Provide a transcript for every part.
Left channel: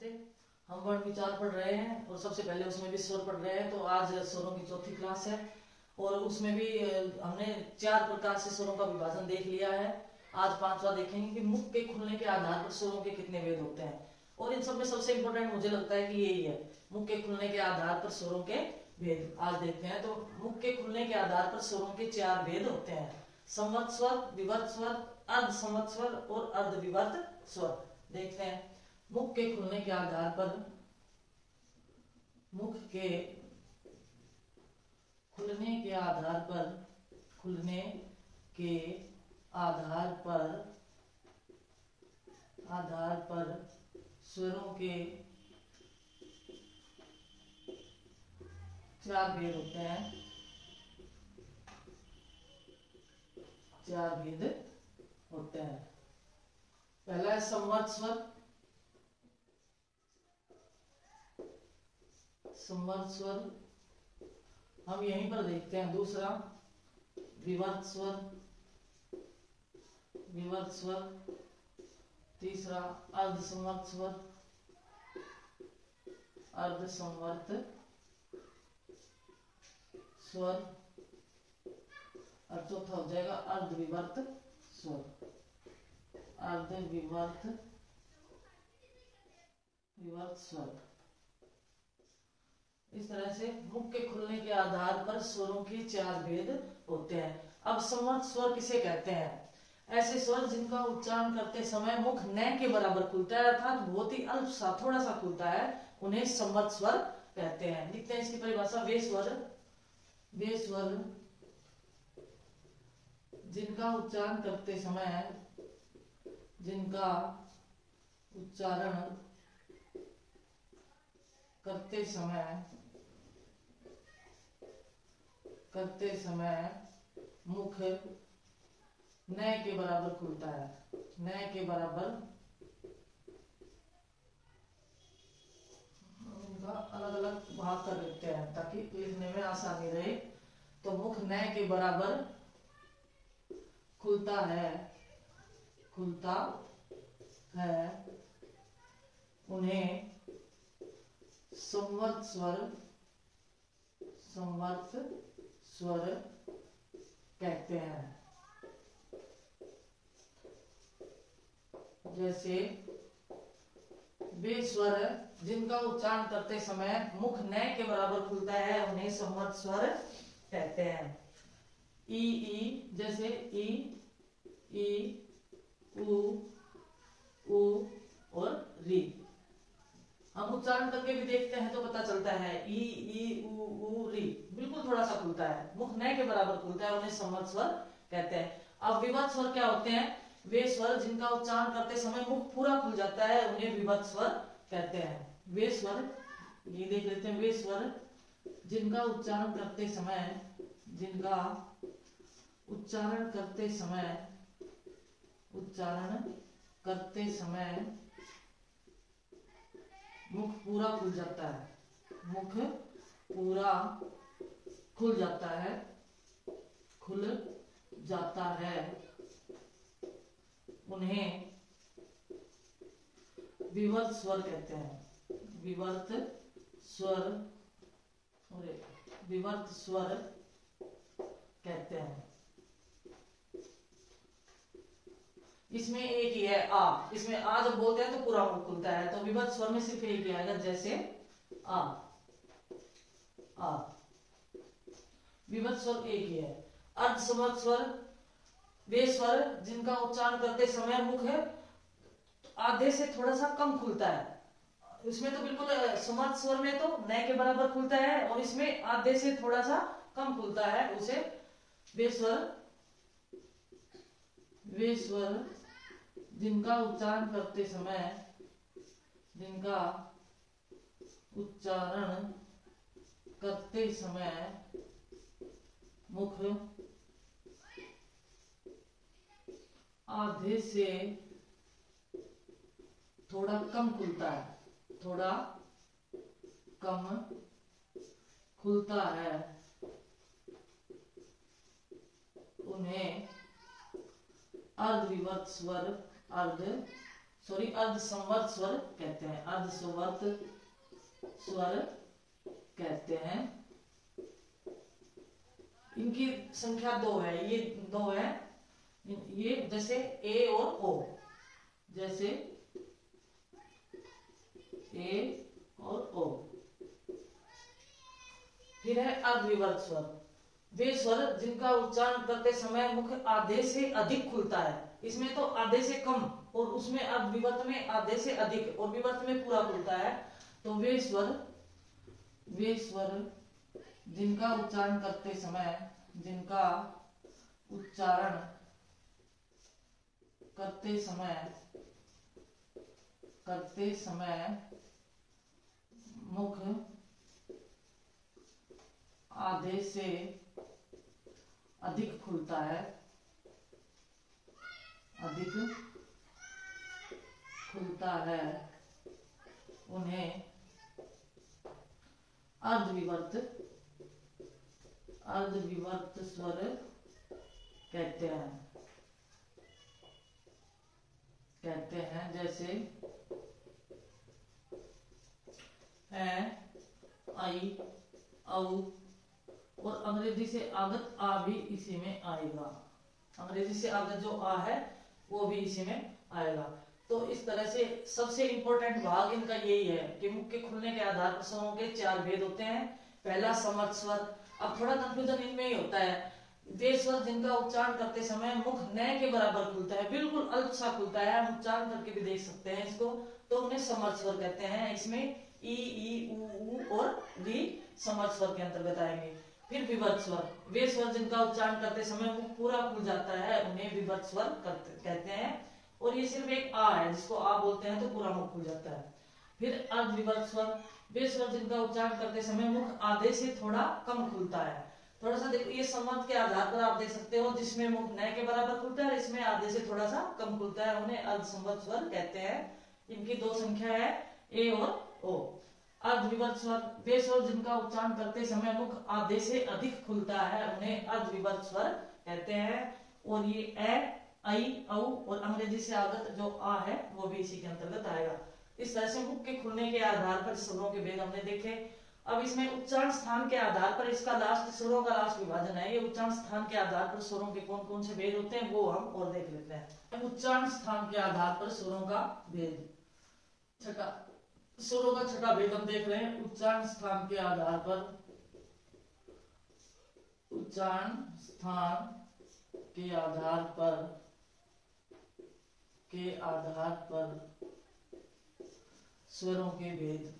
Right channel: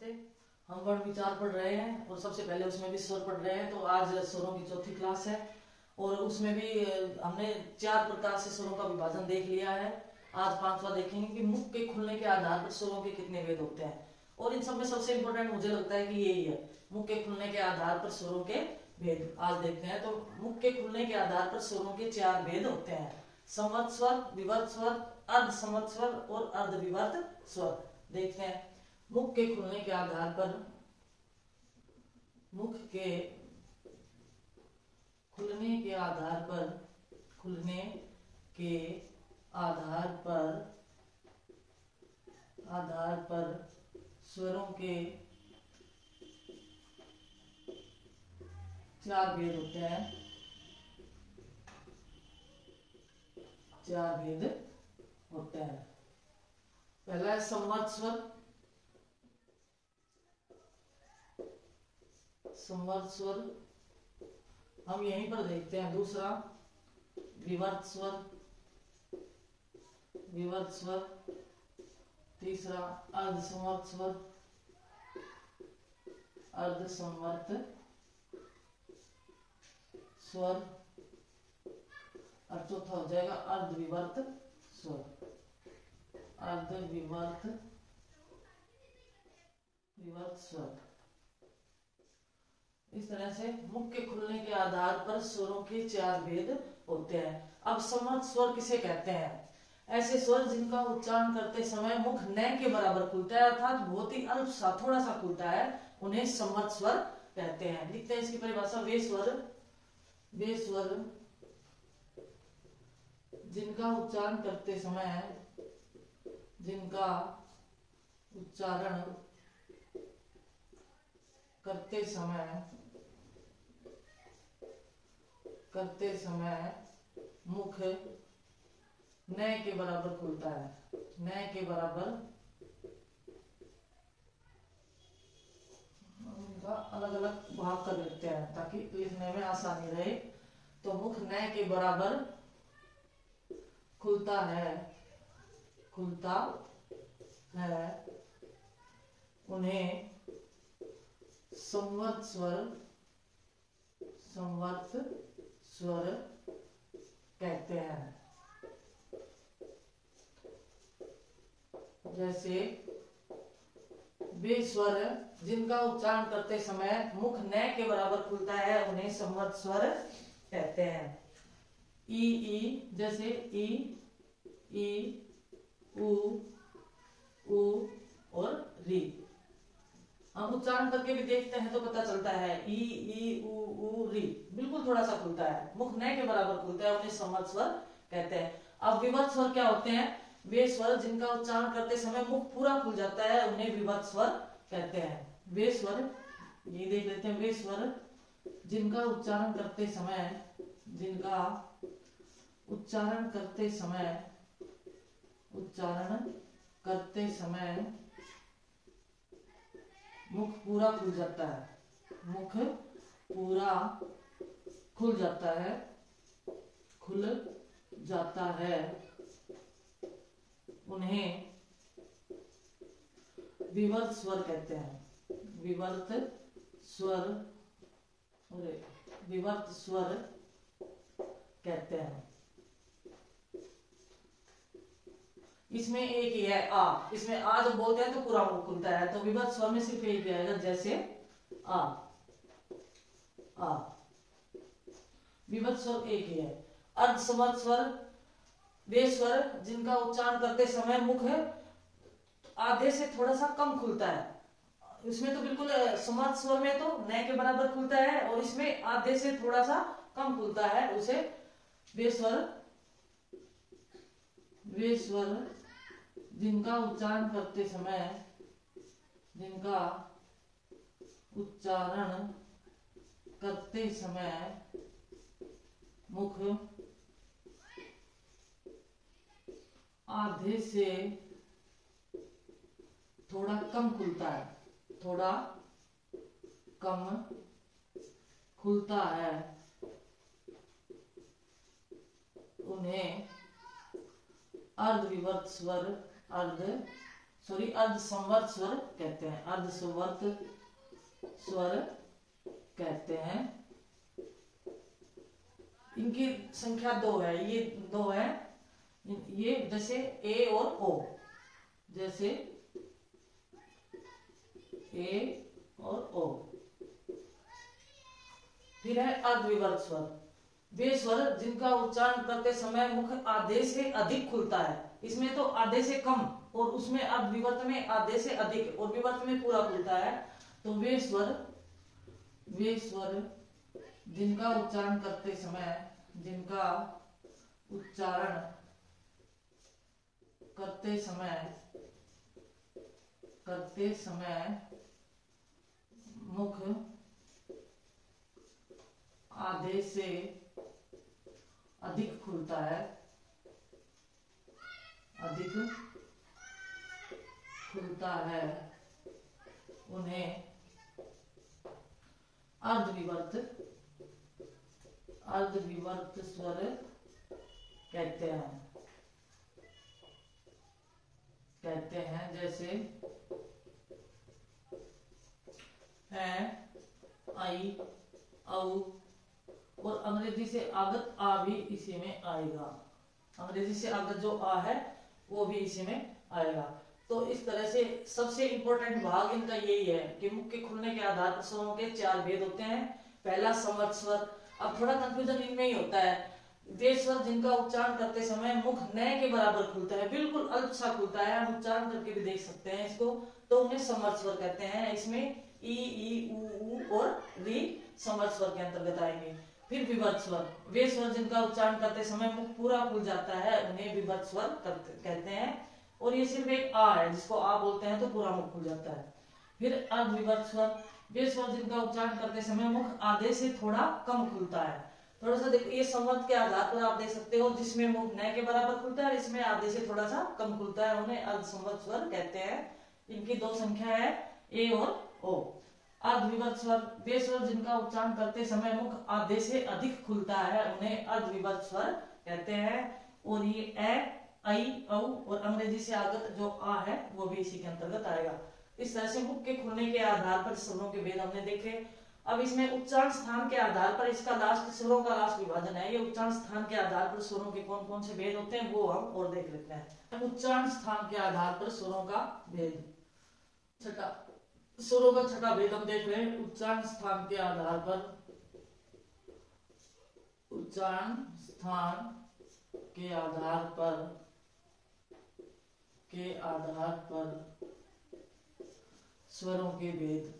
नमस्ते। हम वर्ण विचार पढ़ रहे हैं और सबसे पहले उसमें भी स्वर पढ़ रहे हैं। तो आज स्वरों की चौथी क्लास है और उसमें भी हमने 4 प्रकार से स्वरों का विभाजन देख लिया है। आज 5वां देखेंगे कि मुख के खुलने के आधार पर स्वरों के कितने भेद होते हैं। और इन सब में सबसे इंपॉर्टेंट मुझे लगता है कि यही है, मुख के खुलने के आधार पर स्वरों के भेद। आज देखते हैं। तो मुख के खुलने के आधार पर स्वरों के 4 भेद होते हैं: संवृत स्वर, विवर्त स्वर, अर्ध संवृत स्वर और अर्ध विवर्त स्वर। देखते हैं। मुख के खुलने के आधार पर, मुख के खुलने के आधार पर, खुलने के आधार पर स्वरों के 4 भेद होते हैं। 4 भेद होते हैं। पहला है संवृत स्वर। संवृत स्वर हम यहीं पर देखते हैं। दूसरा विवर्त स्वर, विवर्त स्वर। तीसरा अर्ध संवृत स्वर, अर्ध संवृत स्वर। और चौथा हो जाएगा अर्ध विवर्त स्वर, अर्ध विवर्त स्वर। इस तरह से मुख के खुलने के आधार पर स्वरों के 4 भेद होते हैं। अब संवृत स्वर किसे कहते हैं? ऐसे स्वर जिनका उच्चारण करते समय मुख न के बराबर खुलता है, अर्थात बहुत ही अल्प सा, थोड़ा सा खुलता है, उन्हें संवृत स्वर कहते हैं। लिखते हैं इसकी परिभाषा। वे स्वर जिनका उच्चारण करते समय, जिनका उच्चारण करते समय मुख न के बराबर खुलता है, न के बराबर। उनका अलग अलग भाग कर लेते हैं ताकि लिखने में आसानी रहे। तो मुख न के बराबर खुलता है, उन्हें संवृत स्वर कहते हैं। जैसे वे स्वर जिनका उच्चारण करते समय मुख न के बराबर खुलता है, उन्हें संवृत स्वर कहते हैं। ई, जैसे ई, उ और री। हम उच्चारण करके भी देखते हैं तो पता चलता है ई, उ, री बिल्कुल थोड़ा सा खुलता है, मुख न के बराबर खुलता है, उन्हें संवृत स्वर कहते हैं। अब विवर्त स्वर क्या होते हैं? वे स्वर जिनका उच्चारण करते समय मुख पूरा खुल जाता है, उन्हें विवर्त स्वर कहते हैं। वे स्वर, ये देख लेते हैं। वे स्वर जिनका उच्चारण करते समय मुख पूरा खुल जाता है, मुख पूरा खुल जाता है, उन्हें विवर्त स्वर कहते हैं। विवर्त स्वर कहते हैं। इसमें एक ही है आ। इसमें आ जब बोलते हैं तो पूरा मुख खुलता है, तो विवर्त स्वर में सिर्फ एक ही आएगा। जैसे आ, विवर्त स्वर एक ही है। अर्ध संवृत स्वर वे स्वर जिनका उच्चारण करते समय मुख आधे से थोड़ा सा कम खुलता है। इसमें तो बिल्कुल संवृत स्वर में तो न के बराबर खुलता है और इसमें आधे से थोड़ा सा कम खुलता है, उसे वे स्वर जिनका उच्चारण करते समय मुख आधे से थोड़ा कम खुलता है, उन्हें अर्ध विवर्त स्वर सॉरी अर्धसंवर्त स्वर कहते हैं, अर्धसंवर्त स्वर कहते हैं। इनकी संख्या 2 है, ये 2 है, ये जैसे ए और ओ, जैसे ए और ओ। फिर है अर्धविवर्त स्वर, वे स्वर जिनका उच्चारण करते समय मुख आधे से अधिक खुलता है। इसमें तो आधे से कम और उसमें अर्धविवर्त में आधे से अधिक और विवर्त में पूरा खुलता है। तो वे स्वर जिनका उच्चारण करते समय मुख आधे से अधिक खुलता है, उन्हें अर्धविवर्त स्वर कहते हैं। जैसे है, आई, औ, और अंग्रेजी से आगत आ भी इसी में आएगा। अंग्रेजी से आगत जो आ है वो भी इसी में आएगा। तो इस तरह से सबसे इंपॉर्टेंट भाग इनका यही है कि मुख के खुलने के आधार पर स्वरों के 4 भेद होते हैं। पहला समर्थ स्वर। अब थोड़ा कंफ्यूजन इनमें ही होता है, वे स्वर जिनका उच्चारण करते समय मुख न के बराबर खुलता है, बिल्कुल अल्प सा खुलता है, हम उच्चारण करके भी देख सकते हैं इसको, तो उन्हें समर्थ स्वर कहते हैं। इसमें ई, ऊ और री समर्थ स्वर के अंतर्गत आएंगे। फिर विवर्त स्वर, वे स्वर जिनका उच्चारण करते समय मुख पूरा खुल जाता है, उन्हें विवर्त स्वर कहते हैं। और ये सिर्फ एक आ है, जिसको आ बोलते हैं तो पूरा मुख खुल जाता है। फिर अर्धविवर्त स्वर, वे स्वर जिनका उच्चारण करते समय मुख आधे से थोड़ा कम खुलता है। थोड़ा सा देखिए, ये संवत के आधार पर आप देख सकते हो, जिसमें मुख न के बराबर खुलता है और इसमें आधे से थोड़ा सा कम खुलता है, उन्हें अर्धसंवत स्वर कहते हैं। इनकी 2 संख्या है, ए और ओ। अर्धविवर्त स्वर, वे स्वर जिनका उच्चारण करते समय मुख आधे से अधिक खुलता है, उन्हें अर्धविवर्त स्वर कहते हैं। और ये ए, आई, औ और अंग्रेजी से आगत जो आ है वो भी इसी के अंतर्गत आएगा। इस तरह से मुख के खुलने के आधार पर स्वरों के भेद हमने देखे। अब इसमें उच्चारण स्थान के आधार पर इसका स्वरों का लास्ट विभाजन है। ये उच्चारण स्थान के आधार पर स्वरों के कौन कौन से भेद होते हैं वो हम और देख लेते हैं। उच्चारण स्थान के आधार पर स्वरों का भेद, स्वरों का छठा भेद हम देख रहे हैं। उच्चारण स्थान के आधार पर स्वरों के भेद।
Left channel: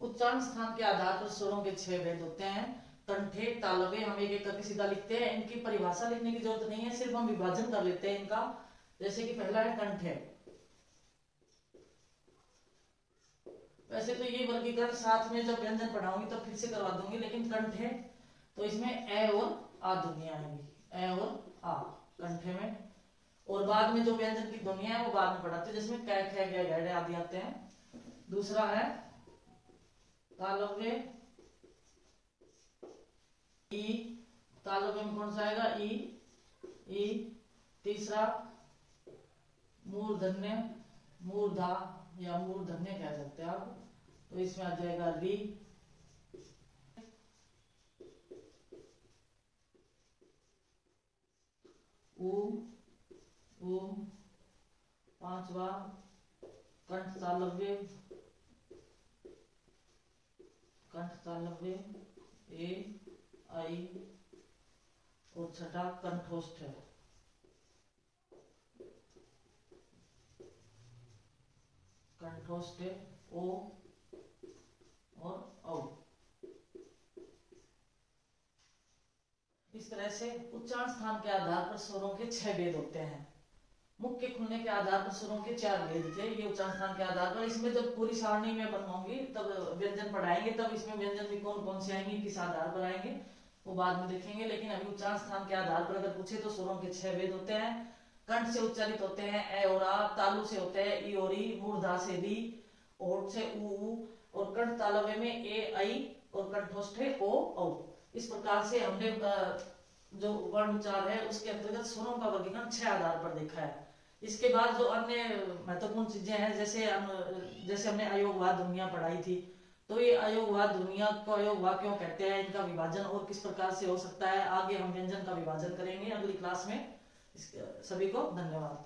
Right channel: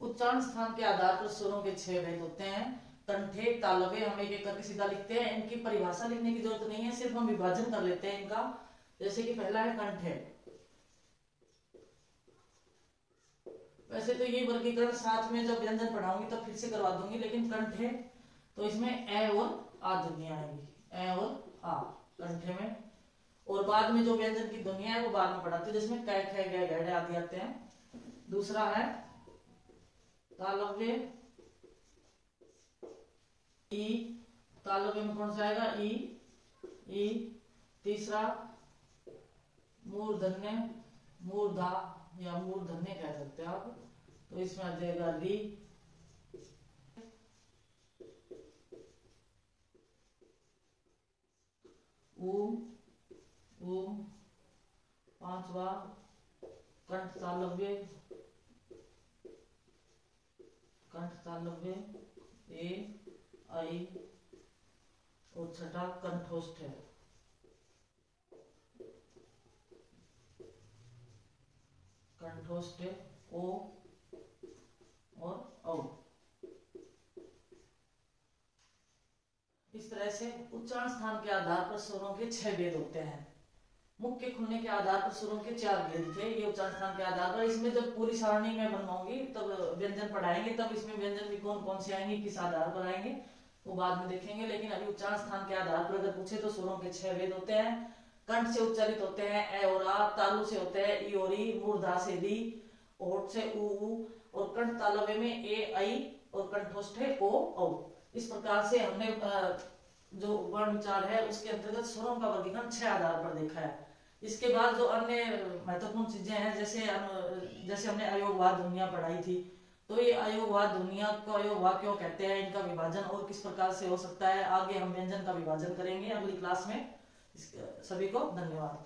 उच्चारण स्थान के आधार पर स्वरों के 6 भेद होते हैं। कंठे, तालवे, हम एक एक करके सीधा लिखते हैं, इनकी परिभाषा लिखने की जरूरत नहीं है, सिर्फ हम विभाजन कर लेते हैं इनका। जैसे कि पहला है कंठे। वैसे तो ये वर्गीकरण साथ में जब व्यंजन पढ़ाऊंगी तब फिर से करवा दूंगी, लेकिन कंठे तो इसमें ए और आ ध्वनियां आएंगी, ए और आ कंठे में। और बाद में जो व्यंजन की ध्वनियां है वो बाद में पढ़ाते हैं, जिसमें कै, खे, गे, गैडे आदि आते हैं। दूसरा है तालव्य, ई, तालव्य में कौन सा आएगा, ई। तीसरा मूर्धन्य, मूर्धा या मूर्धन्य कह सकते हैं आप, तो इसमें आ जाएगा री। ऊ। पांचवा कंठ तालव्य, ए, आई। और छठा कंठोष्ठ है, कंठोष्ठ ओ और औ। इस तरह से उच्चारण स्थान के आधार पर स्वरों के 6 भेद होते हैं। मुख के खुलने के आधार पर स्वरों के 4 भेद थे, ये उच्चारण स्थान के आधार पर। इसमें जब पूरी सारणी में बनवाऊंगी तब व्यंजन पढ़ाएंगे, तब इसमें व्यंजन भी कौन कौन से आएंगे, किस आधार पर आएंगे वो बाद में देखेंगे। लेकिन अभी उच्चारण स्थान के आधार पर अगर पूछे तो स्वरों के 6 भेद होते हैं। कंठ से उच्चारित होते हैं ए और आ, तालु से होते हैं ई और ई, मूर्धा से री, ओठ से ऊ, और कंठ तालव्य में ए, आई और कंठोष्ठ है ओ, औ। इस प्रकार से हमने जो वर्ण उच्चार है उसके अंतर्गत स्वरों का वर्गीकरण 6 आधार पर देखा है। इसके बाद जो अन्य महत्वपूर्ण चीजें हैं, जैसे हमने अयोगवाद ध्वनियां पढ़ाई थी, तो ये अयोगवाद ध्वनियां को अयोगवाद क्यों कहते हैं, इनका विभाजन और किस प्रकार से हो सकता है, आगे हम व्यंजन का विभाजन करेंगे अगली क्लास में। सभी को धन्यवाद।